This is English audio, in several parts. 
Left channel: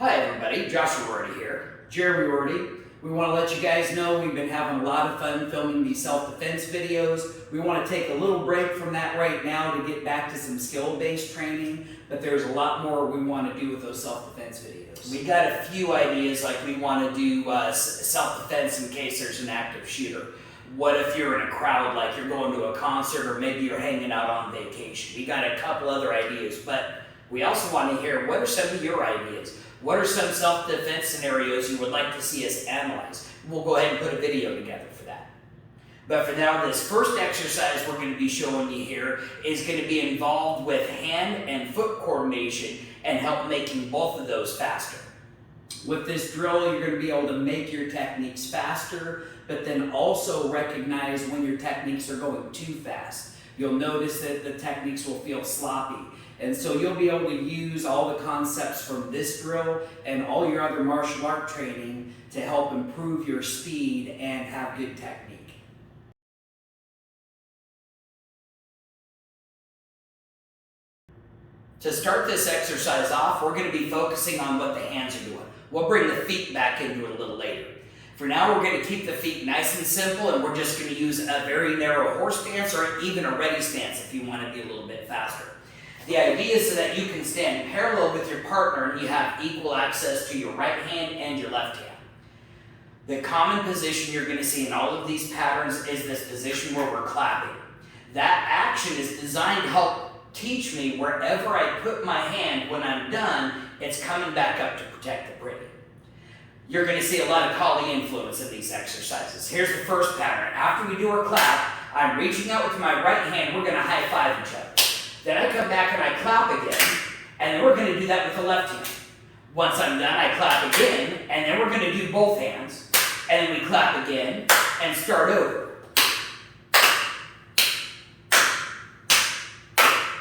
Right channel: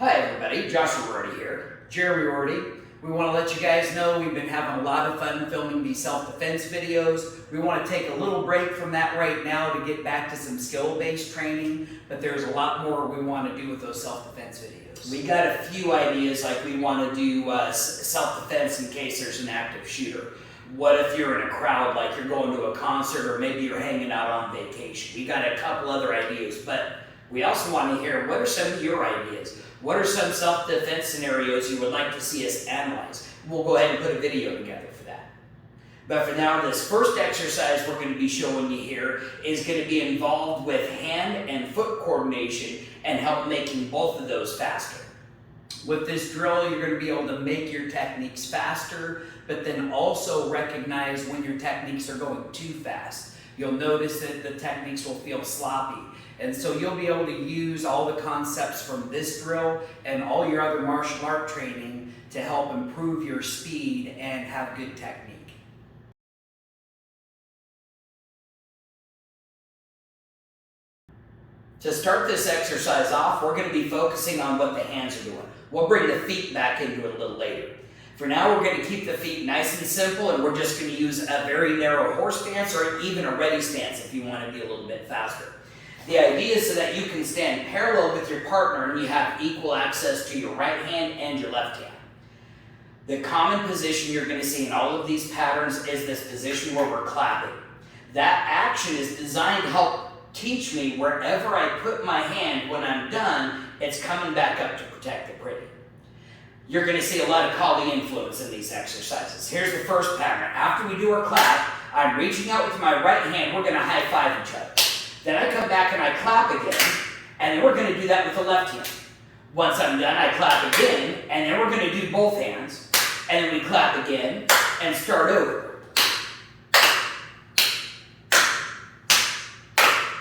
Hi everybody, Joshua Rorty here, Jeremy Rorty. We want to let you guys know we've been having a lot of fun filming these self-defense videos. We want to take a little break from that right now to get back to some skill-based training, but there's a lot more we want to do with those self-defense videos. We got a few ideas, like we want to do self-defense in case there's an active shooter. What if you're in a crowd, like you're going to a concert or maybe you're hanging out on vacation? We got a couple other ideas, but we also want to hear, what are some of your ideas? What are some self-defense scenarios you would like to see us analyze? We'll go ahead and put a video together for that. But for now, this first exercise we're going to be showing you here is going to be involved with hand and foot coordination and help making both of those faster. With this drill, you're going to be able to make your techniques faster, but then also recognize when your techniques are going too fast. You'll notice that the techniques will feel sloppy. And so you'll be able to use all the concepts from this drill and all your other martial art training to help improve your speed and have good technique. To start this exercise off, we're going to be focusing on what the hands are doing. We'll bring the feet back into it a little later. For now, we're going to keep the feet nice and simple, and we're just going to use a very narrow horse stance or even a ready stance if you want to be a little bit faster. The idea is so that you can stand parallel with your partner and you have equal access to your right hand and your left hand. The common position you're going to see in all of these patterns is this position where we're clapping. That action is designed to help teach me wherever I put my hand when I'm done, it's coming back up to protect the pretty. You're going to see a lot of Kali influence in these exercises. Here's the first pattern. After we do our clap, I'm reaching out with my right hand, we're going to high five each other. Then I come back and I clap again, and then we're going to do that with the left hand. Once I'm done, I clap again, and then we're going to do both hands, and then we clap again, and start over.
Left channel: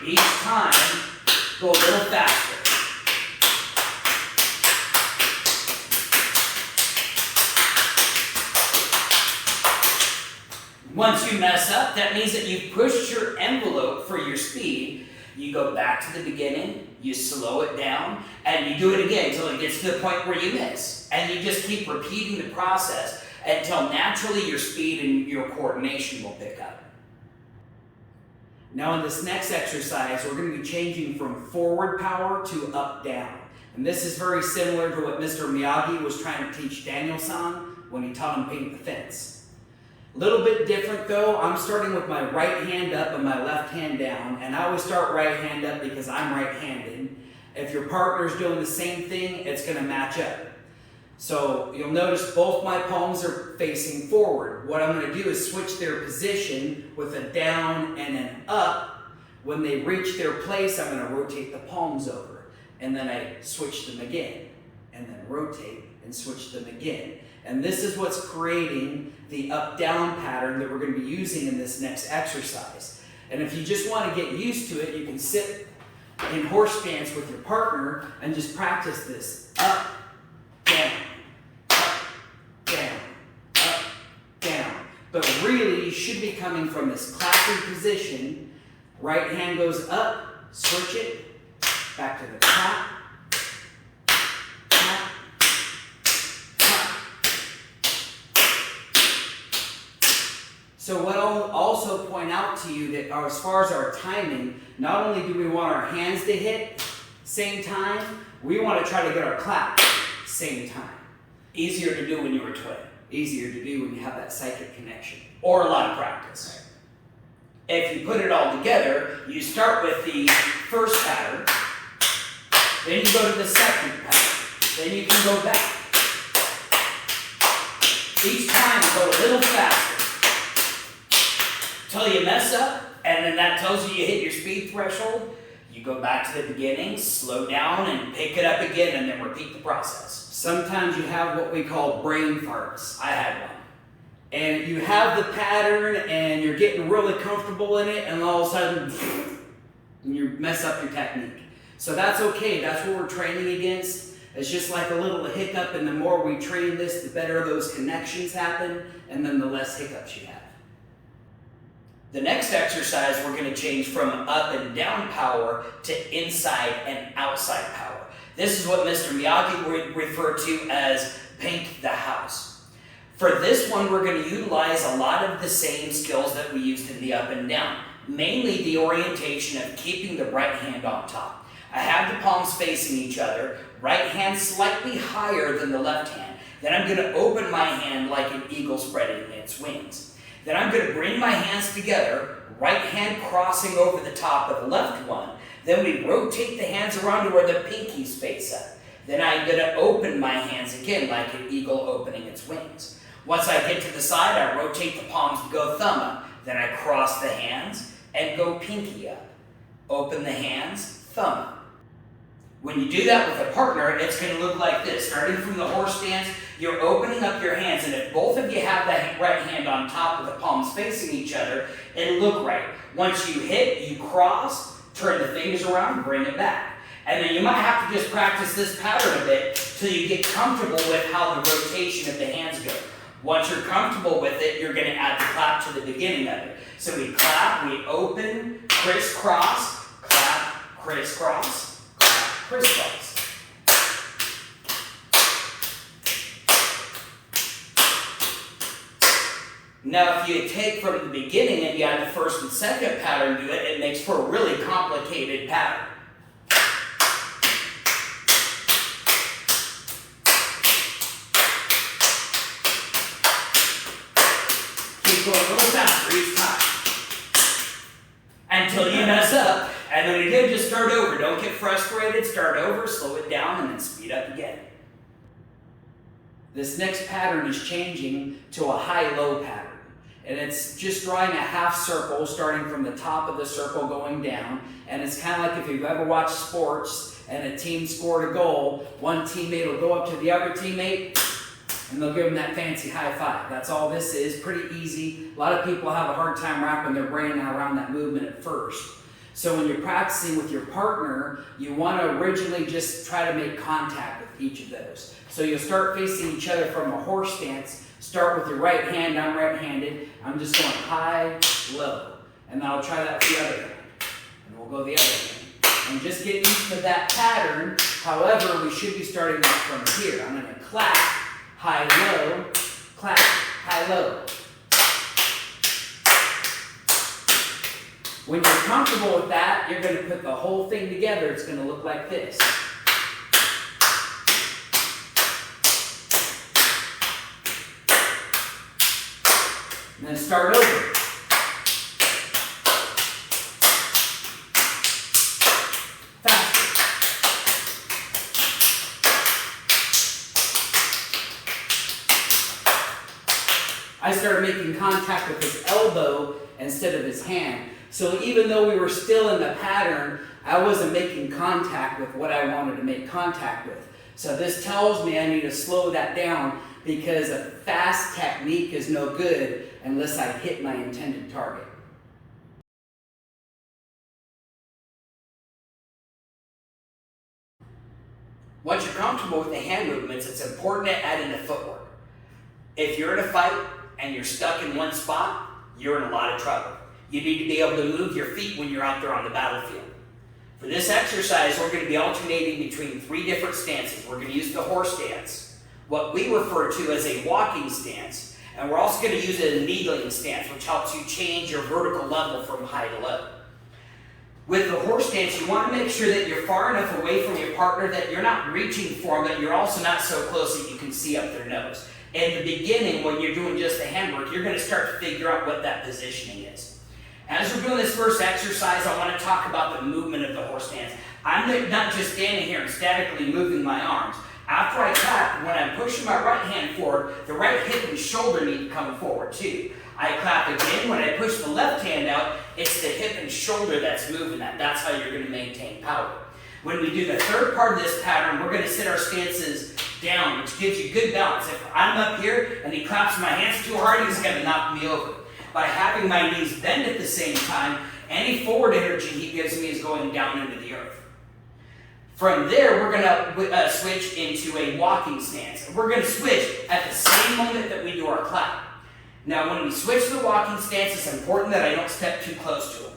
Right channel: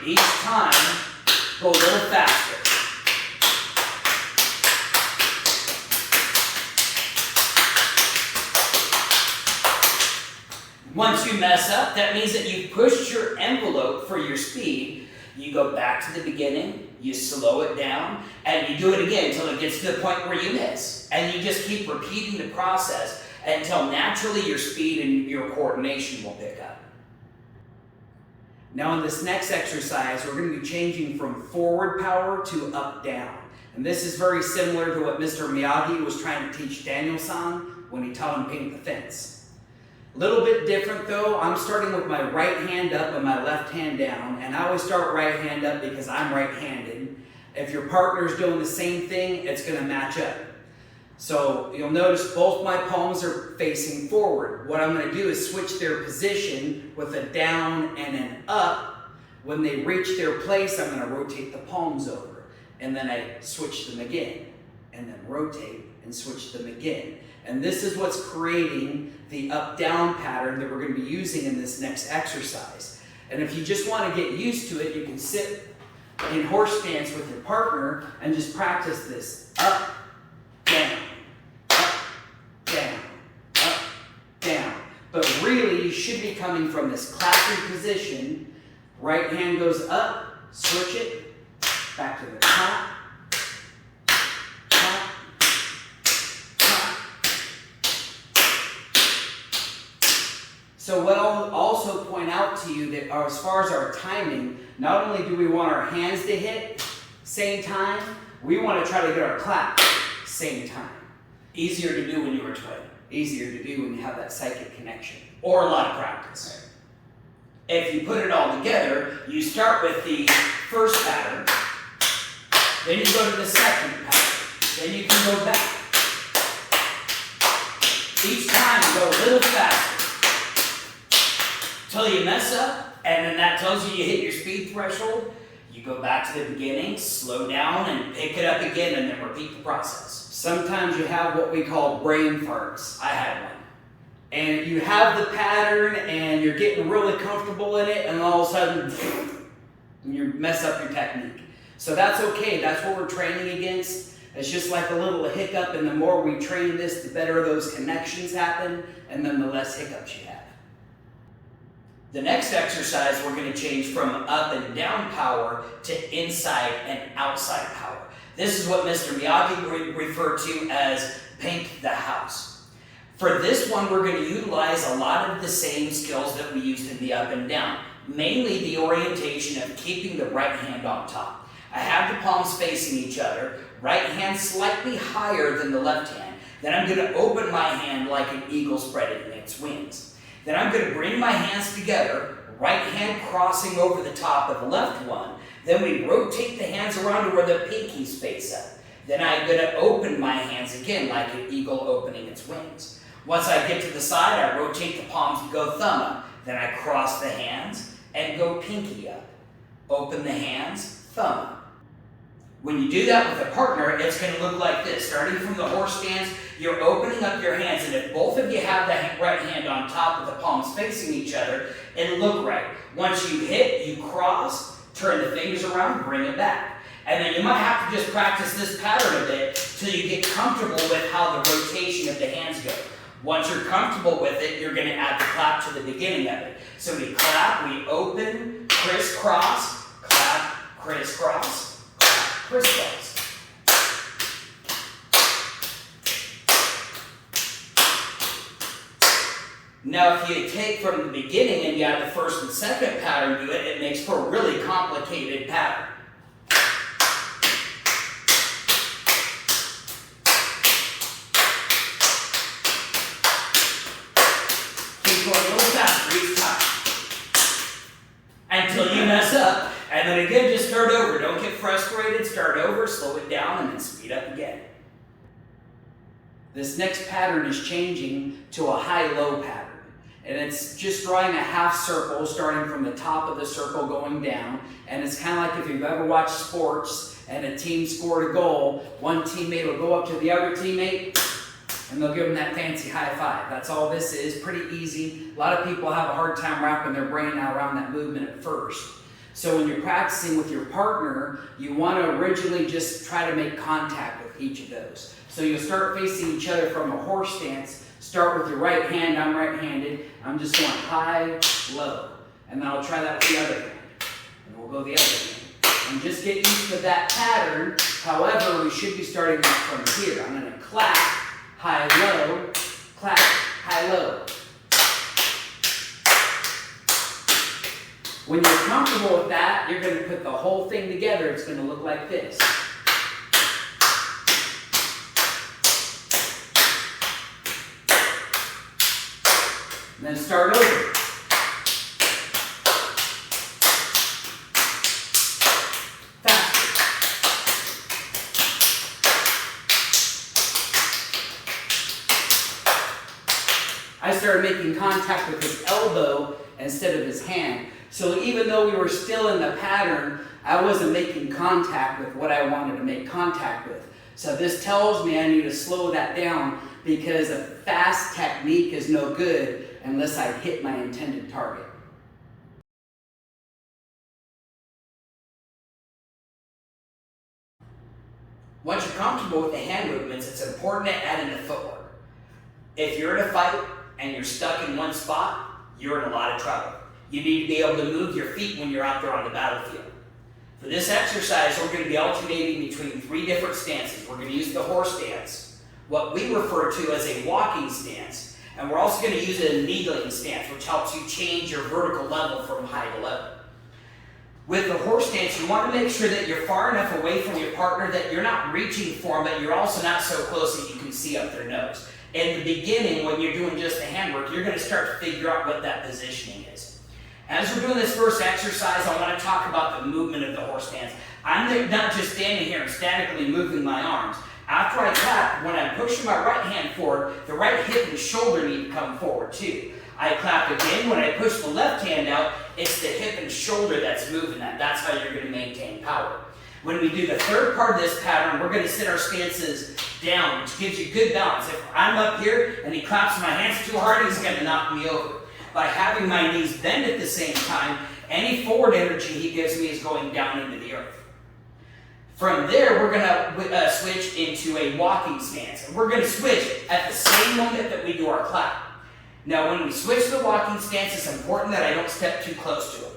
Each time, go a little faster. Once you mess up, that means that you've pushed your envelope for your speed. You go back to the beginning, you slow it down, and you do it again until it gets to the point where you miss. And you just keep repeating the process until naturally your speed and your coordination will pick up. Now in this next exercise, we're going to be changing from forward power to up down. And this is very similar to what Mr. Miyagi was trying to teach Daniel-san when he taught him paint the fence. A little bit different though, I'm starting with my right hand up and my left hand down, and I always start right hand up because I'm right-handed. If your partner's doing the same thing, it's going to match up. So you'll notice both my palms are facing forward. What I'm going to do is switch their position with a down and an up. When they reach their place, I'm going to rotate the palms over, and then I switch them again, and then rotate and switch them again. And this is what's creating the up-down pattern that we're going to be using in this next exercise. And if you just want to get used to it, you can sit in horse stance with your partner and just practice this. Up, down, up, down, up, down. But really, you should be coming from this clapping position. Right hand goes up, switch it, back to the clap. So what I'll also point out to you that as far as our timing, not only do we want our hands to hit same time, we want to try to get our clap same time. Easier to do when you're a twin. Easier to do when you have that psychic connection. Or a lot of practice. If you put it all together, you start with the first pattern, then you go to the second pattern, then you can go back. Each time you go a little faster. Until you mess up, and then that tells you you hit your speed threshold. You go back to the beginning, slow down, and pick it up again, and then repeat the process. Sometimes you have what we call brain farts. I had one. And you have the pattern, and you're getting really comfortable in it, and all of a sudden, you mess up your technique. So that's okay. That's what we're training against. It's just like a little hiccup, and the more we train this, the better those connections happen, and then the less hiccups you have. The next exercise, we're going to change from up and down power to inside and outside power. This is what Mr. Miyagi referred to as paint the house. For this one, we're going to utilize a lot of the same skills that we used in the up and down, mainly the orientation of keeping the right hand on top. I have the palms facing each other, right hand slightly higher than the left hand. Then I'm going to open my hand like an eagle spreading its wings. Then I'm going to bring my hands together, right hand crossing over the top of the left one. Then we rotate the hands around to where the pinkies face up. Then I'm going to open my hands again like an eagle opening its wings. Once I get to the side, I rotate the palms to go thumb up. Then I cross the hands and go pinky up. Open the hands, thumb up. When you do that with a partner, it's going to look like this. Starting from the horse stance, you're opening up your hands, and if both of you have the right hand on top with the palms facing each other, it'll look right. Once you hit, you cross, turn the fingers around, bring it back. And then you might have to just practice this pattern a bit till you get comfortable with how the rotation of the hands go. Once you're comfortable with it, you're going to add the clap to the beginning of it. So we clap, we open, crisscross, clap, crisscross, clap, crisscross. Now, if you take from the beginning and you add the first and second pattern to it, it makes for a really complicated pattern. Keep going a little faster each time until you mess up. And then again, just start over. Don't get frustrated. Start over, slow it down, and then speed up again. This next pattern is changing to a high-low pattern. And it's just drawing a half circle starting from the top of the circle going down. And it's kind of like if you've ever watched sports and a team scored a goal, one teammate will go up to the other teammate and they'll give them that fancy high five. That's all this is, pretty easy. A lot of people have a hard time wrapping their brain around that movement at first. So when you're practicing with your partner, you want to originally just try to make contact with each of those. So you'll start facing each other from a horse stance. Start with your right hand. I'm right-handed. I'm just going high, low. And then I'll try that with the other hand. And we'll go the other hand. And just get used to that pattern. However, we should be starting from here. I'm going to clap, high, low, clap, high, low. When you're comfortable with that, you're going to put the whole thing together. It's going to look like this. And then start over. Faster. I started making contact with his elbow instead of his hand. So even though we were still in the pattern, I wasn't making contact with what I wanted to make contact with. So this tells me I need to slow that down because a fast technique is no good unless I hit my intended target. Once you're comfortable with the hand movements, it's important to add in the footwork. If you're in a fight and you're stuck in one spot, you're in a lot of trouble. You need to be able to move your feet when you're out there on the battlefield. For this exercise, we're going to be alternating between 3 different stances. We're going to use the horse stance, what we refer to as a walking stance, and we're also going to use a kneeling stance, which helps you change your vertical level from high to low. With the horse stance, you want to make sure that you're far enough away from your partner that you're not reaching for them, but you're also not so close that you can see up their nose. In the beginning, when you're doing just the handwork, you're going to start to figure out what that positioning is. As we're doing this first exercise, I want to talk about the movement of the horse stance. I'm not just standing here and statically moving my arms. After I clap, when I'm pushing my right hand forward, the right hip and shoulder need to come forward too. I clap again. When I push the left hand out, it's the hip and shoulder that's moving that. That's how you're going to maintain power. When we do the third part of this pattern, we're going to sit our stances down, which gives you good balance. If I'm up here and he claps my hands too hard, he's going to knock me over. By having my knees bend at the same time, any forward energy he gives me is going down into the earth. From there, we're going to switch into a walking stance. And we're going to switch at the same moment that we do our clap. Now, when we switch to the walking stance, it's important that I don't step too close to him.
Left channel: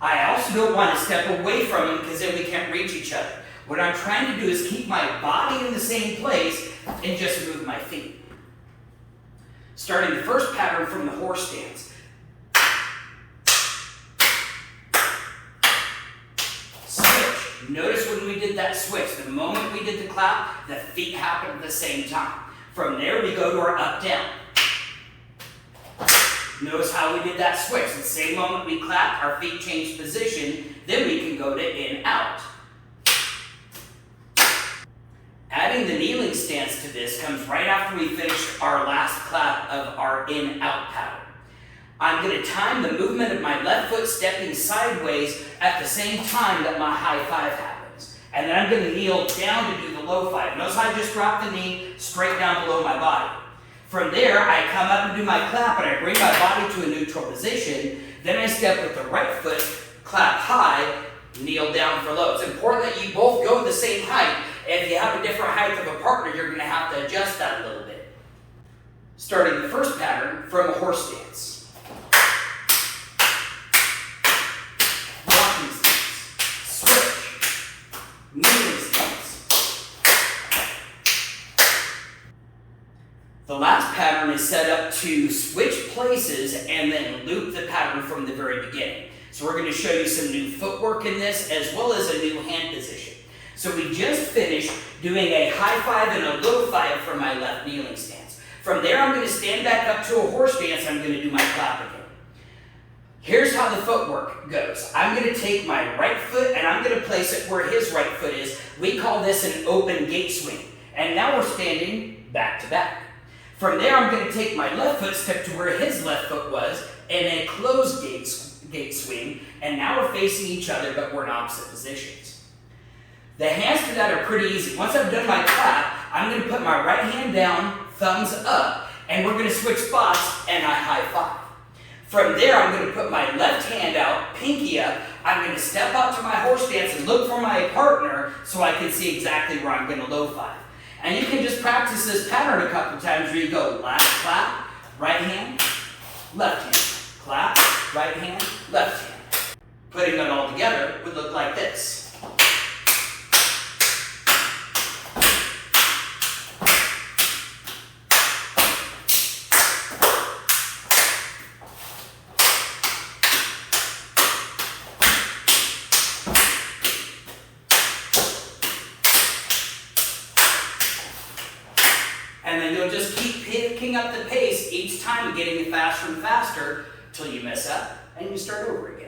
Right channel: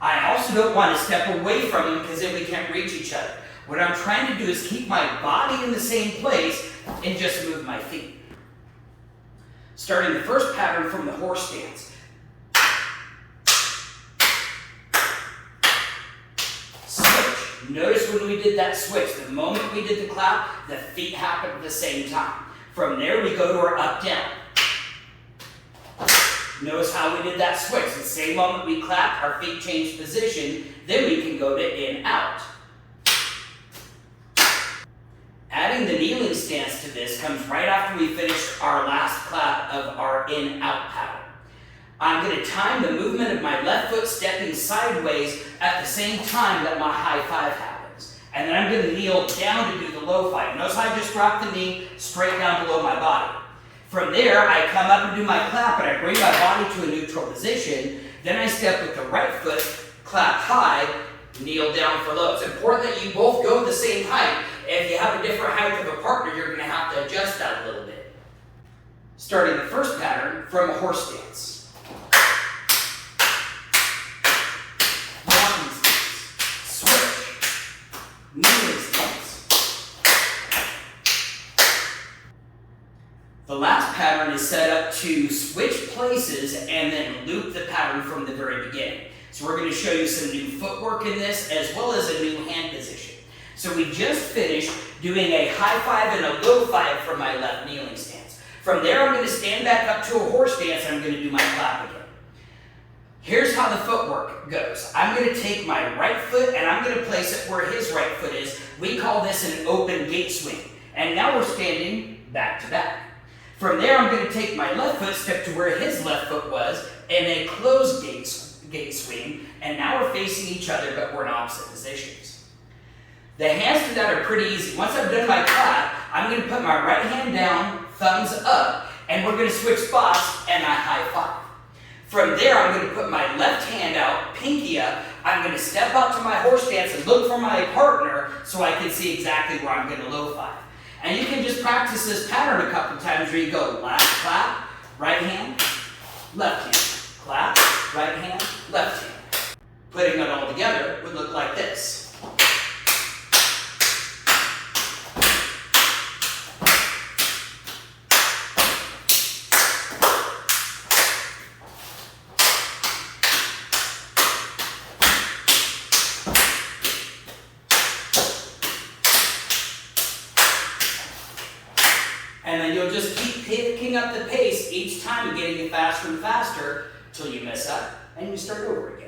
I also don't want to step away from him because then we can't reach each other. What I'm trying to do is keep my body in the same place and just move my feet. Starting the first pattern from the horse stance. Switch. Notice when we did that switch, the moment we did the clap, the feet happened at the same time. From there, we go to our up-down. Notice how we did that switch. The same moment we clap, our feet change position, then we can go to in-out. Adding the kneeling stance to this comes right after we finish our last clap of our in-out pattern. I'm going to time the movement of my left foot stepping sideways at the same time that my high five happens. And then I'm going to kneel down to do the low five. Notice how I just drop the knee straight down below my body. From there, I come up and do my clap, and I bring my body to a neutral position. Then I step with the right foot, clap high, kneel down for low. It's important that you both go the same height. If you have a different height of a partner, you're going to have to adjust that a little bit. Starting the first pattern from a horse stance. Walking stance. Switch. Kneeling stance. The last pattern is set up to switch places and then loop the pattern from the very beginning. So we're going to show you some new footwork in this as well as a new hand position. So we just finished doing a high five and a low five from my left kneeling stance. From there I'm going to stand back up to a horse stance and I'm going to do my clap again. Here's how the footwork goes. I'm going to take my right foot and I'm going to place it where his right foot is. We call this an open gate swing. And now we're standing back to back. From there, I'm going to take my left foot, step to where his left foot was, and a closed gate swing, and now we're facing each other, but we're in opposite positions. The hands for that are pretty easy. Once I've done my clap, I'm going to put my right hand down, thumbs up, and we're going to switch spots, and I high five. From there, I'm going to put my left hand out, pinky up. I'm going to step out to my horse stance and look for my partner so I can see exactly where I'm going to low five. And you can just practice this pattern a couple times where you go last clap, right hand, left hand, clap, right hand, left hand. Putting it all together would look like this. And then you'll just keep picking up the pace each time, getting it faster and faster till you mess up and you start over again.